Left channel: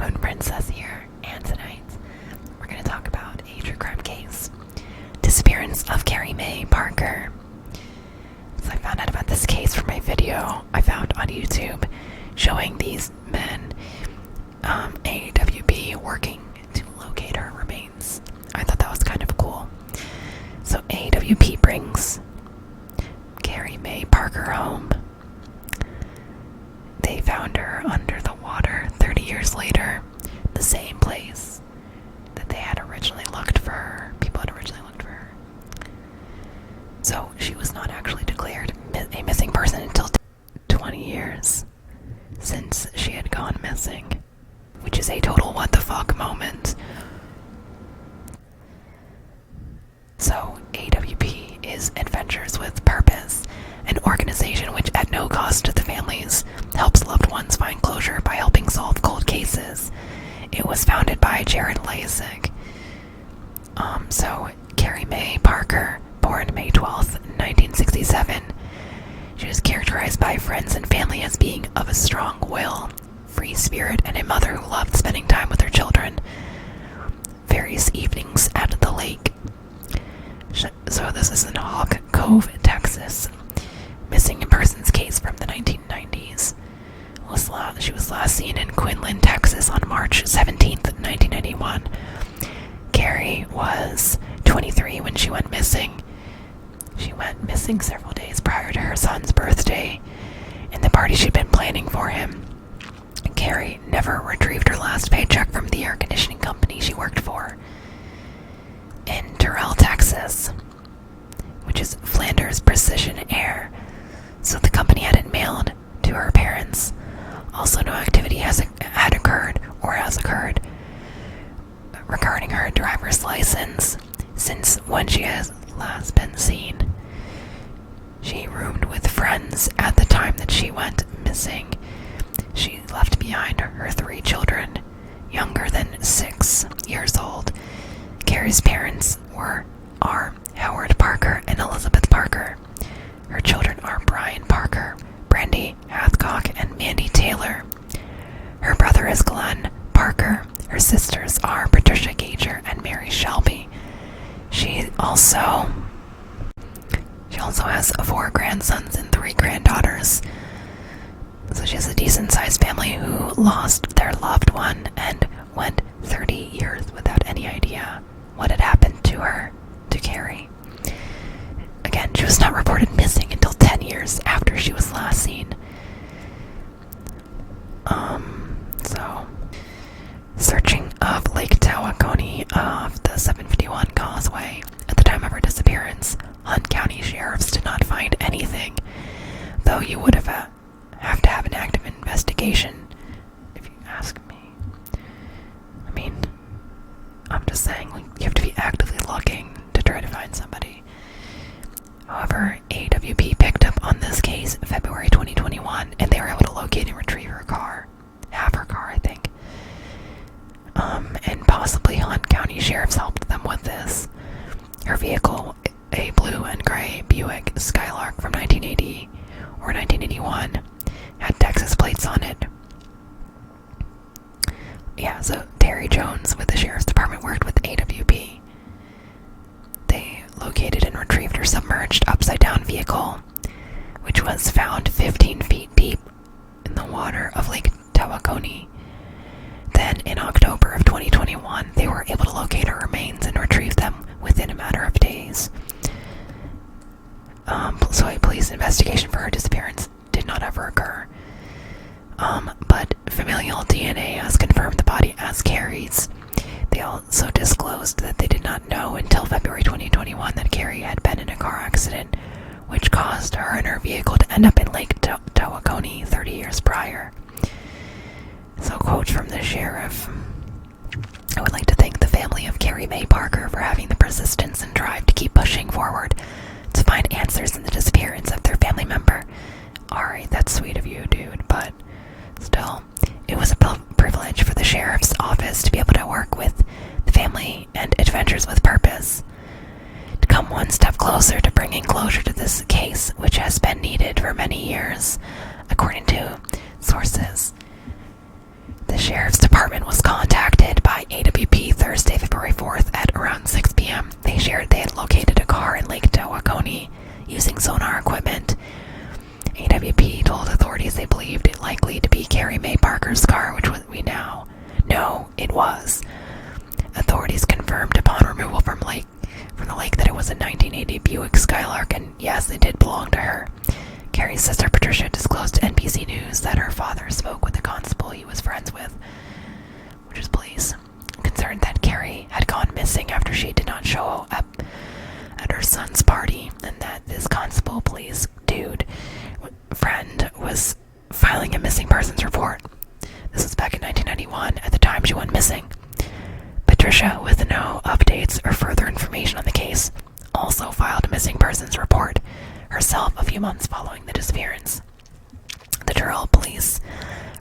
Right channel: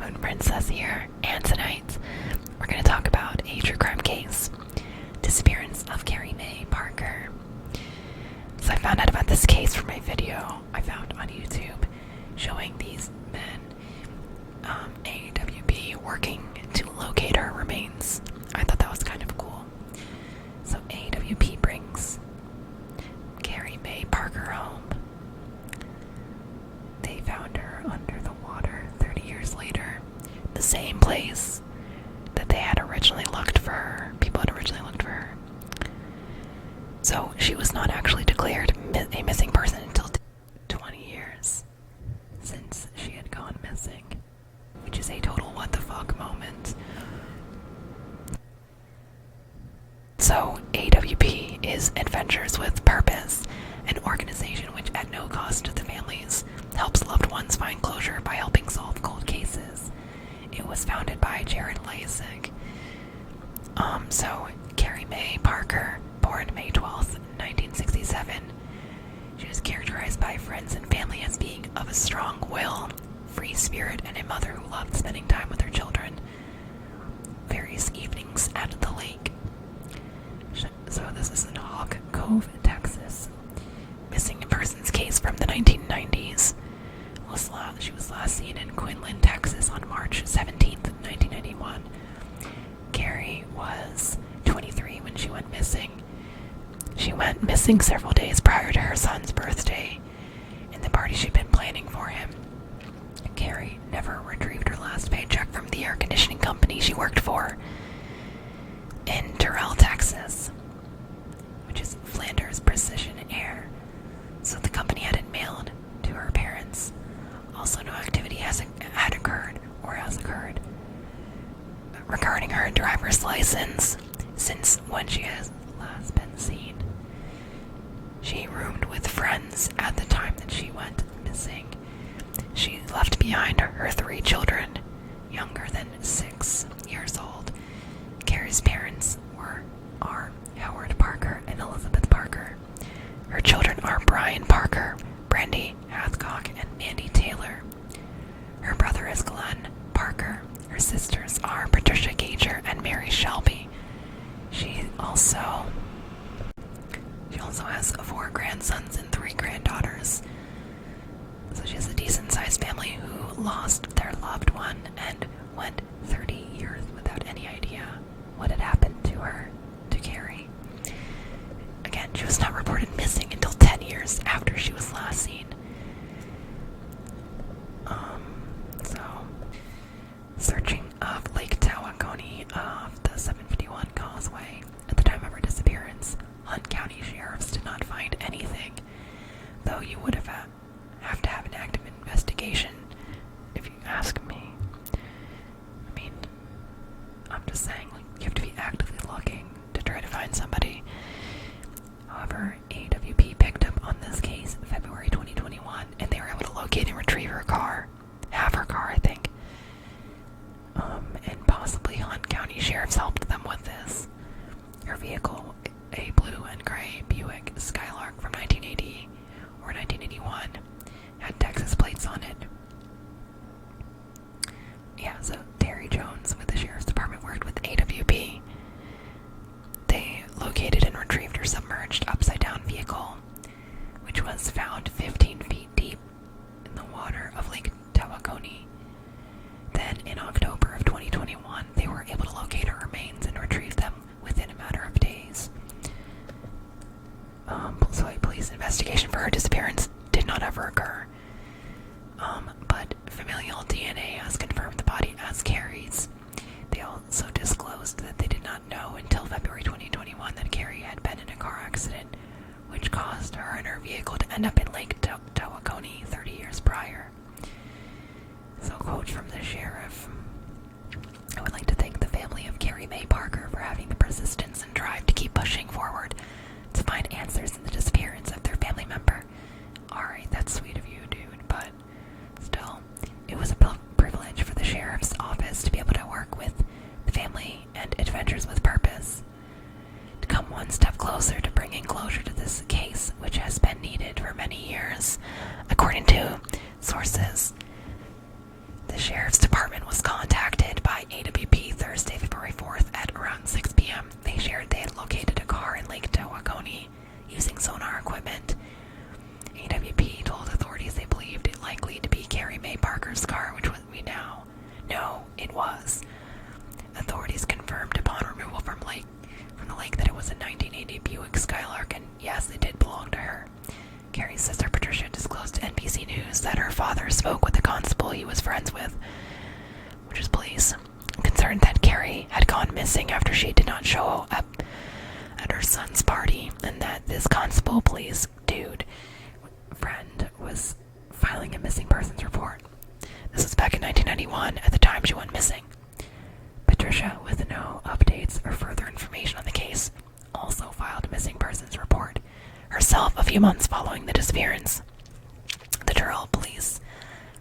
Moon Princess here, and tonight we're going to talk about a true crime case, disappearance of Carey Mae Parker. So I found out about this case from a video I found on YouTube showing these men, AWB, working to locate her remains. I thought that was kind of cool. So AWP brings Carey Mae Parker home. They found her under the water 30 years later, the same place that they had originally looked for her. People had originally looked for her. So she was not actually declared a missing person until 20 years since she had gone missing, which is a total what the fuck moment. So AWP is Adventures with Purpose, an organization which at no cost to the families helps loved ones find closure by helping solve cold cases. It was founded by Jared Lasik. So Carey Mae Parker, born May 12th, 1967. She was characterized by friends and family as being of a strong will, free spirit, and a mother who loved spending time with her children. Various evenings at the lake. So this is in Hawk Cove, Texas. Missing persons case from the 1990s. She was last seen in Quinlan, Texas on March 17th, 1991. Carey was 23 when she went missing. She went missing several days prior to her son's birthday and the party she'd been planning for him. Carey never retrieved her last paycheck from the air conditioning company she worked for in Terrell, Texas, which is Flanders Precision Air. So the company had it mailed to her parents. Also, no activity has occurred regarding her driver's license since when she has last been seen. She roomed with friends at the time that she went missing. She left behind her 3 children, younger than 6 years old. Carey's parents are Howard Parker and Elizabeth Parker. Her children are Brian Parker, Brandy Hathcock, and Mandy Taylor. Her brother is Glenn Parker. Her sisters are Patricia Gager and Mary Shelby. She also has 4 grandsons and 3 granddaughters. So she has a decent-sized family who lost their loved one and went 30 years without any idea what had happened to her, to Carey. Again, she was not reported missing until 10 years after she was last seen. So, searching of Lake Tawakoni off the 751 causeway. At the time of her disappearance, Hunt County sheriffs did not find anything, though you would have to have an active investigation, if you ask me. I mean, I'm just saying, you have to be actively looking to try to find somebody. However, AWP picked up on this case in February 2021, and they were able to locate and retrieve her car. Half her car, I think. And possibly Hunt County sheriffs helped them with this. Her vehicle, a blue and gray Buick Skylark from 1980 or 1981, had Texas plates on it. Yeah, so Terry Jones with the sheriff's department worked with AWP. They located and retrieved her submerged upside-down vehicle, which was found 15 feet deep in the water of Lake Tawakoni. Then, in October of 2021, they were able to locate her remains and retrieve them within a matter of days. So a police investigation for her disappearance did not ever occur. But familial DNA has confirmed the body as Carey's. They also disclosed that they did not know until February 2021 that Carey had been in a car accident, which caused her and her vehicle to end up in Lake Tawakoni 30 years prior. So, quote from the sheriff: "I would like to thank the family of Carey Mae Parker for having the persistence and drive to keep pushing forward to find answers in the disappearance of their family member." Alright, that's sweet of you, dude, but still, it was a privilege for the sheriff's office to be able to work with the family and Adventures with Purpose to come one step closer to bringing closure to this case, which has been needed for many years. According to sources, the sheriff's department was contacted by AWP Thursday, February 4th at around 6 p.m. They shared they had located a car in Lake Tawakoni using sonar equipment. AWP told authorities they believed it likely to be Carey Mae Parker's car, which we now know it was. Authorities confirmed upon removal from the lake that it was a 1980 Buick Skylark, and yes, it did belong to her. Carey's sister Patricia disclosed to NBC News that her father spoke with the constable he was friends with, which is police, concerned that Carey had gone missing after she did not show up at her son's party, and that this constable police dude friend was filing a missing persons report. This was back in 1991, at the time she went missing. Patricia, with no updates or further information on the case, also filed a missing persons report herself a few months following the disappearance. The Durrell police,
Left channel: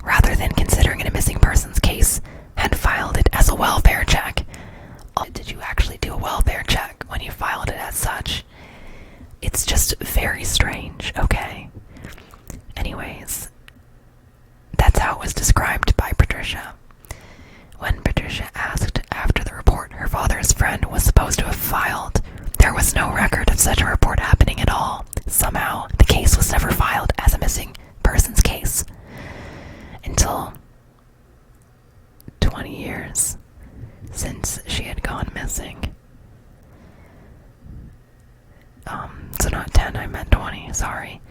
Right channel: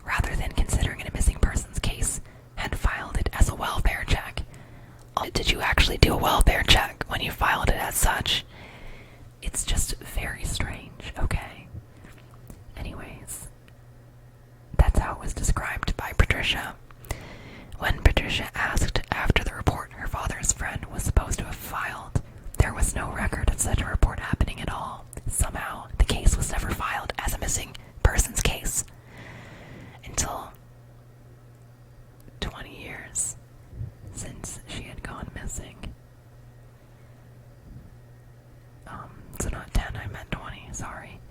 rather than considering it a missing persons case, had filed it as a welfare check. Did you actually do a welfare check when you filed it as such? It's just very strange, okay? Anyways, that's how it was described by Patricia. When Patricia asked after the report her father's friend was supposed to have filed, there was no record of such a report happening at all. Somehow, the case was never filed as a missing persons case until 20 years since she had gone missing. So not 10, I meant 20, sorry.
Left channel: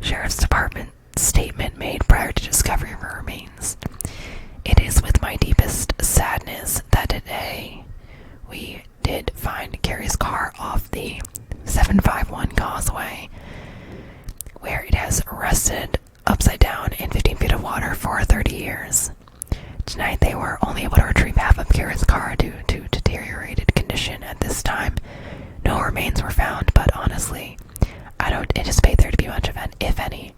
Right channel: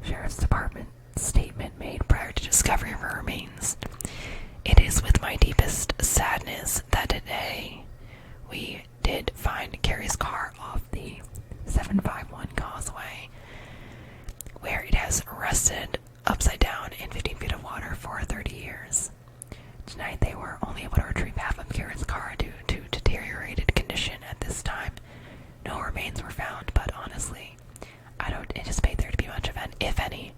Sheriff's Department statement made prior to discovery of her remains. It is with my deepest sadness that today we did find Carey's car off the 751 causeway, where it has rested upside down in 15 feet of water for 30 years. Tonight they were only able to retrieve half of Carey's car due to deteriorated condition at this time. No remains were found, but honestly, I don't anticipate there to be much of an, if any.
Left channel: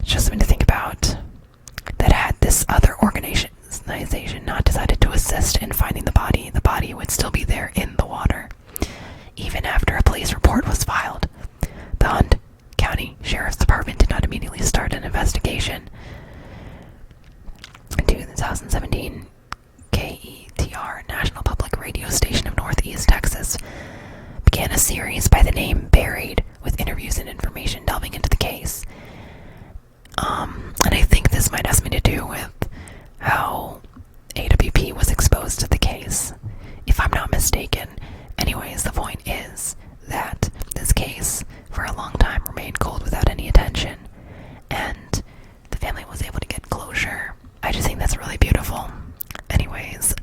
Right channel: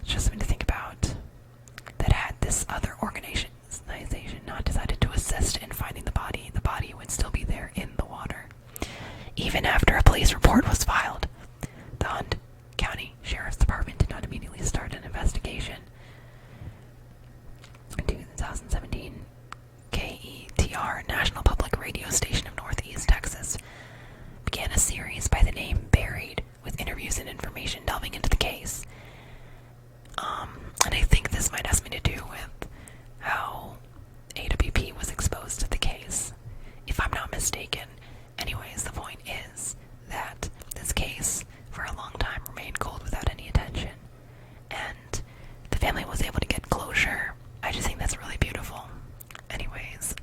It's just something to think about. That had this other organization not decided to assist in finding the body would still be there in the water. Even after a police report was filed, the Hunt County Sheriff's Department did not immediately start an investigation. In 2017, KETR, National Public Radio Station of Northeast Texas, began a series by the name Buried, with interviews and information delving into the case. And I think this might have something to do with how AWP was exposed to the case, if I'm not mistaken. Anyways, the point is that this case, for a long time, remained cold without any attention, and the family was able to get closure. I just think that's really beautiful. Anyways,